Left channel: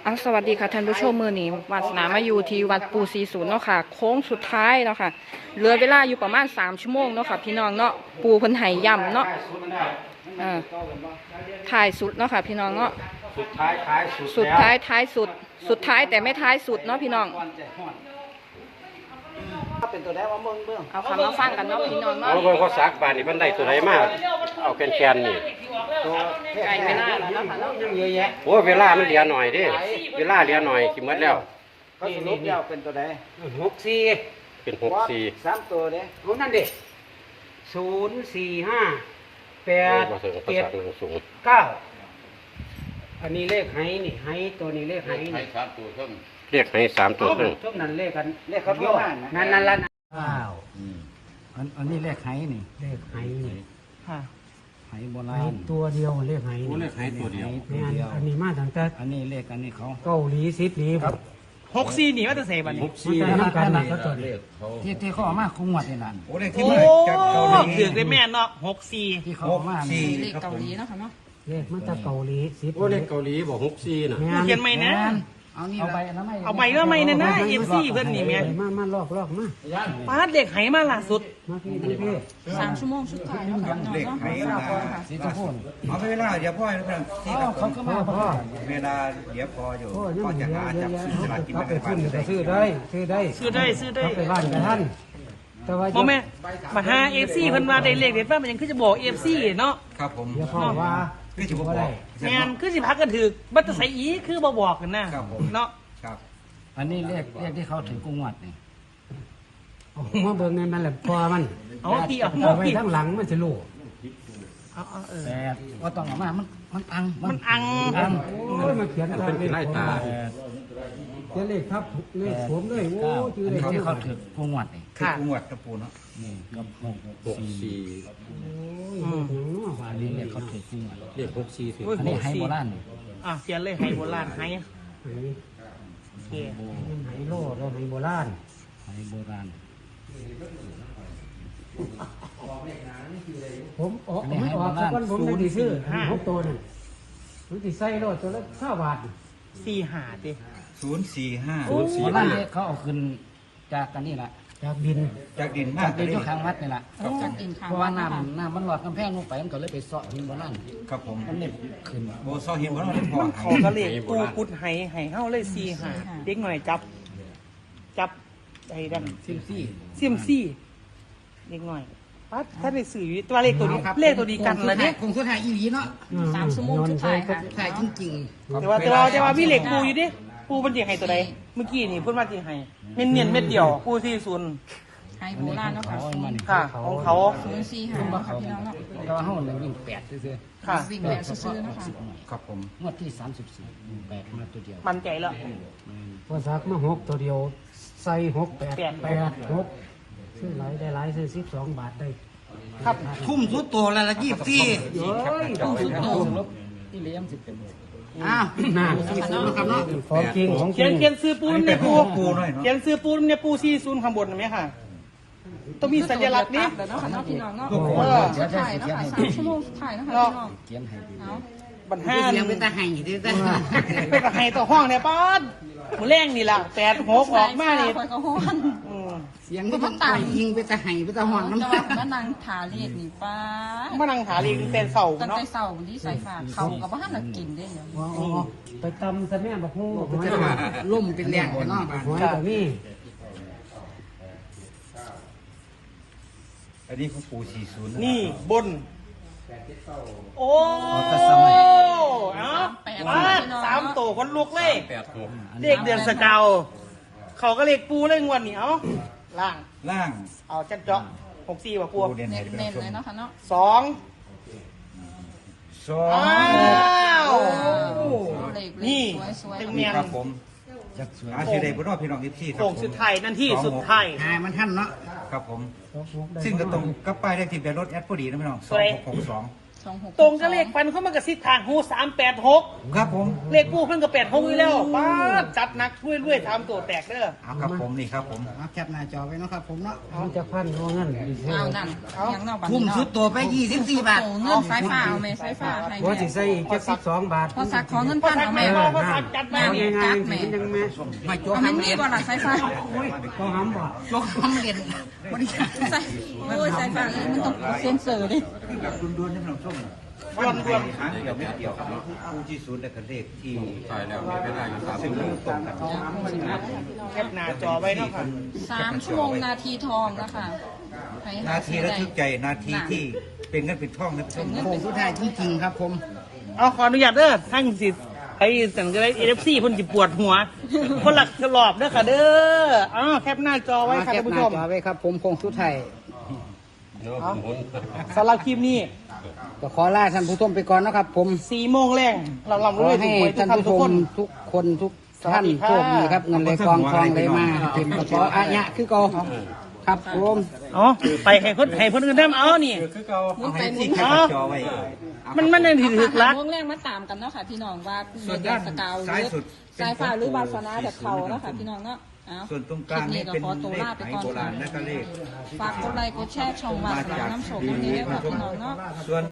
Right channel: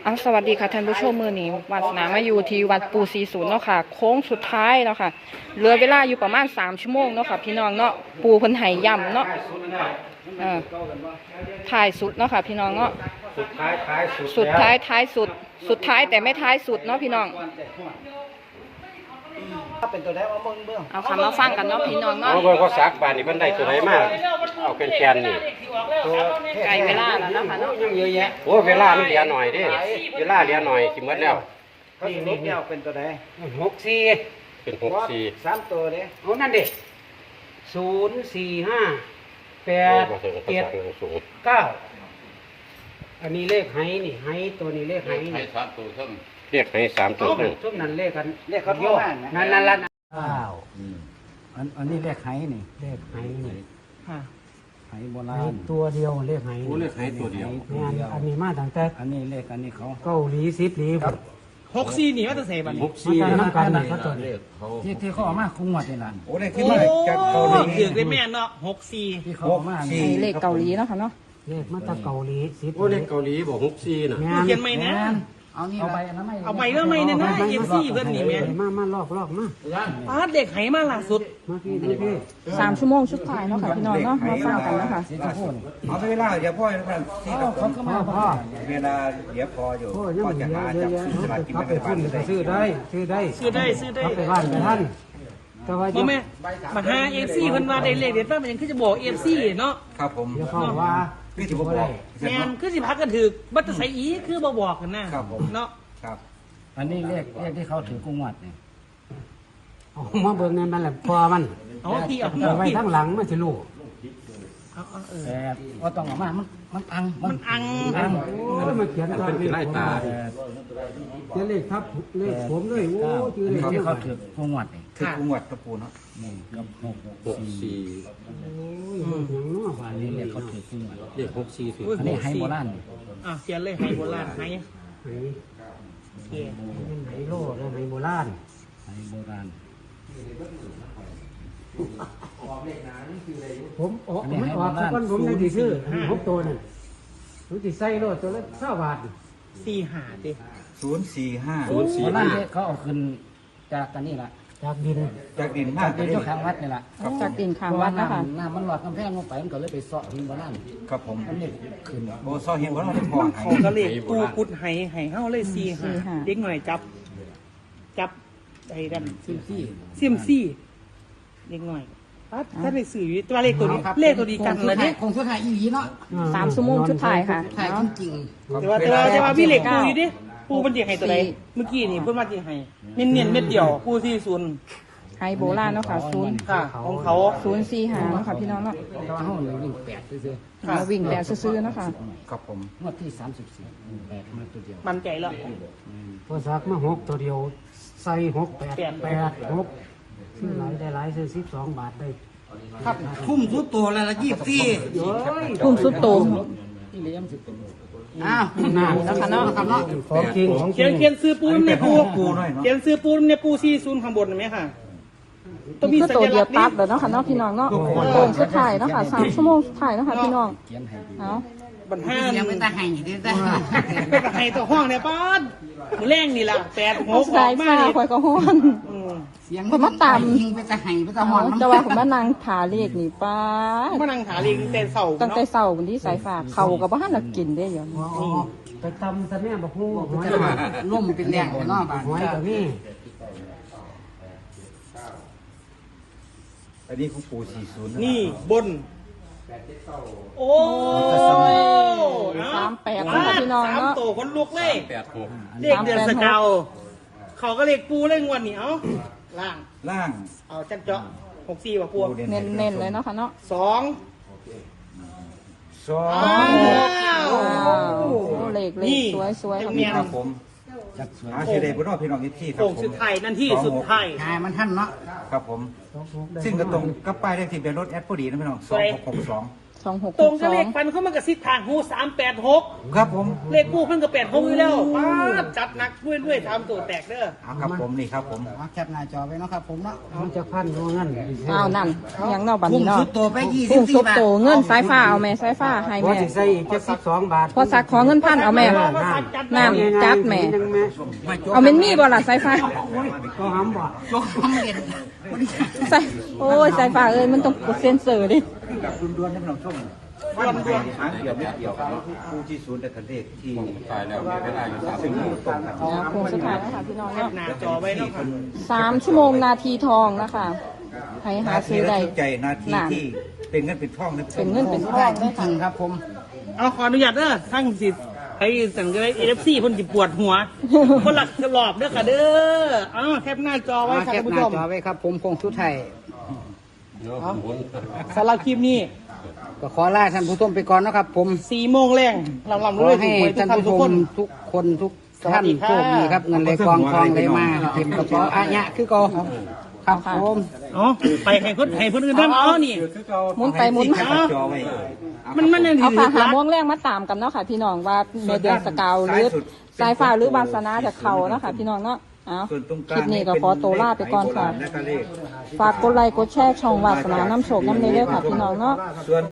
สวัสดีค่ะท่านผู้ชมมือนี้วัดนามาอยู่ที่วัดปู40เนาะค่ะโค้งสุดท้ายเนาะค่ะเหลือเวลาอยู่ประมาณ3ชั่วโมงเนาะค่ะพี่น้องเนาะปูเพิ่นไห้ย่ำเนาะท้ายสุดเนาะค่ะพี่น้องเนาะสุดท้ายท้ายสุดสุดท้ายแต่ไม่ท้ายสุดเนาะพี่น้องเอาคำมาฟังกันเนาะพี่น้องเนาะเอาเบิ่งเขาซักบานนี่มันได้ตัวไหนมาเอาเป็นแกนนี่ไก่เวลาแล้วเนาะค่ะเนาะเยอะแยะโอ้เวลามันเหลือหน่อยดิเวลาเหลือหน่อยสิหมดแล้วนี่เป็นตัวไหน 64เป็น64 3ตัวเลยเอานั่นดิ045 8 7 9อันนี้เลขไห้นี่ไห้ตัวนี้เลขไห้นี่เรียกให้3ตัวนึงทุกนั้นเลขกันเลขเขาพิการนะนั่นละอันนี้เลขไหนี่เลขไห้นี่ไหโบราไห้ณตัวเดียวเลขไห้โอ้นี่เรียกให้ตัวเดียวงานอันนี้มาตั้งแต่อันนี้เลขอันนี้เขาเกาหลีซิดลีครับ 64นี่ว่าจะเสบันนี้ 64นั่นกันนะครับตัวเลขที่เขาเอามาคุ้งวัดนี่นะโอ้ถือได้แม่นเนาะ64 ที่เขาเอามานี่เลขเกาหลีเนาะค่ะเนาะเลขมาจากเกาหลีซิดโอ้เลขเกาหลีบอก64น่ะเขียนไหมนะเอาใบนะไม่เอาใบแล้วไหมนะเอ็มซีเพิ่นนี่แม่มาลอกมาปาดเด็กไหมาล่าสุดมาพี่ 3ชั่วโมงสุดท้ายเนาะค่ะพี่น้องเนาะมาฟังกันเนาะค่ะสีชมพูนี่เอาเวลาเดี๋ยวพ่อนะที่เขาก็มาพ่อเวลาเดี๋ยวพออยู่โอ้ยพ่อจะหาจับซื้อสลากกินแบ่งรัฐบาลได้ซื้อได้ซื้อได้ไปบ้านท่านบ่แม่มาหาเอฟซีเพิ่นมาได้เลขเด็ดว่ามันยังคือจะบอกเอฟซีเนาะครับผมเดี๋ยวเขาว่าคือจะบอกแม่นคือสิพักกันถึกบัตรใส่อีคือบ่บอกกันนะครับผมเนาะครับอันนี้เลขที่เขาถือกุ้งวัดนี่เอามาเบิ่งในมันละพอมันเอาที่เอาเอาไว้ที่ทั้งหลังมันจะรู้แต่ว่าต้องเอามามันอังมันอังมันเขียนมันเป็นที่ไล่ตาเขียนเลขครับเลขผมเลยเก้าอันนี้ที่เขาถือกุ้งวัดนี่ถือกุ้งวัดตะปูเนาะนี่กับ 64 อันนี้เลขเขาถือกุ้งวัดเรียก64ถืออันนี้ให้โบราณเขียนเลยให้โบราณให้โอเคไฮโลและไฮโบราณให้โบราณผมออกศูนย์ซื้อทุกตัวน่ะมันติใส่รถตัวละ20 บาท 45ติ 045 โบราณเนี่ยเขาเอาขึ้นจากกันนี่แหละจากดินจากดินมาจากกดินเจ้าข้างวัดนี่แหละจากกินข้างเพราะวัว่าดเนาะค่ะน้ำมันหลอดกำแพงลงไปมันก็เลยไปเสาะหินโบราณครับผมมันนี่ขึ้นโอ้ซอหินบ่เราได้พอให้โอ้ก็เลขกูกุดให้เฮาเลย45เด็กหน่อยจับไอ้ดันซิมซี่เซียมซี่เด็กหน่อยถ้าได้สื่อตัวเลขตัวนี้เลขตัวนี้กันเลยเนี่ยคงสุดท้ายอีหลีเนาะ 3ชั่วโมงสุดท้ายค่ะถ่ายจริงแต่ว่าพี่เหล็กปูอยู่ดิปูเป็นเด็กให้ตัวใดเมื่อกี้นี่เพิ่นมาจริงให้เน้นเม็ดเดียวปู40 ไฮโบราณเนาะค่ะค่ะของเขา 045เนาะค่ะพี่น้องเนาะๆก็ว่าห้องหนึ่งยิ่ง8ซื่อวิ่งแบบซื่อๆเนาะค่ะครับผมๆงวดที่34 8มาตัวเดียวมันใจแล้วตัวซักมา6ตัวเดียวใส่6 8 8 6ซื้อหลายได้หลายซื้อ12 บาทได้ทุ่มทุกตัวแล้วละ24 ทุ่มสุดโตงที่เลี้ยงสิเป็นอ้าวหน้าแล้วค่ะเนาะครับเนาะของจริงเขียนซื้อปูนเนี่ยปูปูหน่อยเนาะเขียนซื้อปูนเนี่ยปู40ข้างบนเห็นไหมค่ะต้องมีคือสัตัวญเดีลัยวกษณ์ตันี่ดเลยเนาะค่ะเนาะพี่น้องเนาะสุดท้ายเนาะค่ะ3ชั่วโมงสุดท้ายเนาะค่ะพี่น้องเขียนให้ดีเอาบันห้าเป็นตาไห้ตัวห้องเนี่ยป้านมือแรงนี่แหละ8 6ออกมานี่คอยก็ฮ้อน คนมาตามยิงไปจะไห้ไปจะหอนแต่ว่าผมแม่นางถาเลขนี่ป้ามานั่งหาเรียนเป็นเสาตั้งแต่เนาะเช้าวันที่สายฝากเขากับบ้านน่ะกินได้ยังไปทำซะแม่บอกคงบอกล่มเป็นแหลกเนาะหวยตรงนี้อันนี้ของปู40 นี่บน โอ้ 38เนาะพี่น้อง 3 เนาะโตคนลุกเลย 86 เด็กเดือนสกาวเขาก็เรียกปูเล่งวันนี้เอ้าล่างล่างเอาจัดเจาะ64ว่าปูเด่นเน้นๆเลยเนาะค่ะเนาะ 2 2 เลขสวยๆนี่ครับผมหาชื่อได้บ่เนาะพี่น้อง24ครัโค้บงผมสุดท้ายนั่นที่สุดท้ายหามันท่านเนาะครับผมซึ่งก็ตรงกับป้ายเลขที่เป็นรถแอดพอดีนะพี่น้อง2662 26 ตรงกับเลขฟันเขามันกับซิดทางหู386 ครับผมเลขปูเพิ่นก็86นี่แล้วป้าดจัดหนักเรื่อยๆทำตัวแตกเด้อครับผมนี่ครับผมเอาแคปหน้าจอไว้เนาะครับผมเนาะมันจะพันตรงนั้นแหละอ้าวนั่นยังเนาะบัดทุ่มนี้เนาะสุดตัวไปทุ่มสุด 24บาทโตเงินสายฟ้าเอาแม่สายฟ้าให้พอแม่สิใส่อีก72 บาทพอสักขอเงินพันเอาแม่นั่นจัดแม่ยังแม่เอาเมนมี่บ่ล่ะสายฟ้าก็หำบ่ลงความเด่นใส่โอ้ยสายฟ้าเอ้ยมันต้องกดเซ็นเซอร์ดิแบบด่วนๆให้พี่น้องชมรวมเดี๋ยวไม่เกี่ยวครับผู้ที่ศูนย์แต่เลขที่ตายแล้วมีเวลาอยู่3 ชั่วโมงตรงกันนะคงสุดท้ายนะคะพี่น้องแคปเนาะหน้าจอไว้เนาะครับ 3 ชั่วโมงนาทีทองนะคะให้หานาทีซื้อระได้ทึกใจนาทีที่เป็นเงินเป็นทองนะเป็นเงินเป็นทได้องจริงๆครับผมเอาขออนุญาตเด้อทั้งสิไปสั่งจะได้ NFC เพิ่นสิปวดหัวเพราะหลักตลอดเด้อค่ะเด้อแคปหน้าจอไว้ค่ะแคท่าปนหผู้ชน้าม จอไว้ครับผมคงสุดไทยสำหรับคลิปนี้ขอลาท่านผู้ชมไปก่อนนะครับผม 4 โมงแรงหลังๆด้วยให้ทุกท่านท่านผู้ทุกชคมนทุกคนทุกท่านสวัสดีครับโชคดีครับเงินไหลกองทองไหลมาเป็นผู้ชมอาญะคือก็ครับผมอ๋อไปให้เพิ่นอื่นนำอ๋อนี่หมุนไปหมุนแคมาปจอไว้มันนั่นเอาถืค่ะอหารัดม่วงแรงมาตามกันเนาะค่ะพี่น้องว่าเดือนสกาวหรือสายฟ้าหรือบาสนาจากเขาเนาะค่ะพี่น้องเนาะเอาส่วนตรงกคลิลาปงนี้ก็ขอตัวลาไปก่อนค่ะและก็เลขฝากกดไลค์กดแชร์ช่องวาสนาน้ำโชคน้ำเนยด้วยค่ะพี่น้องเนาะส่วน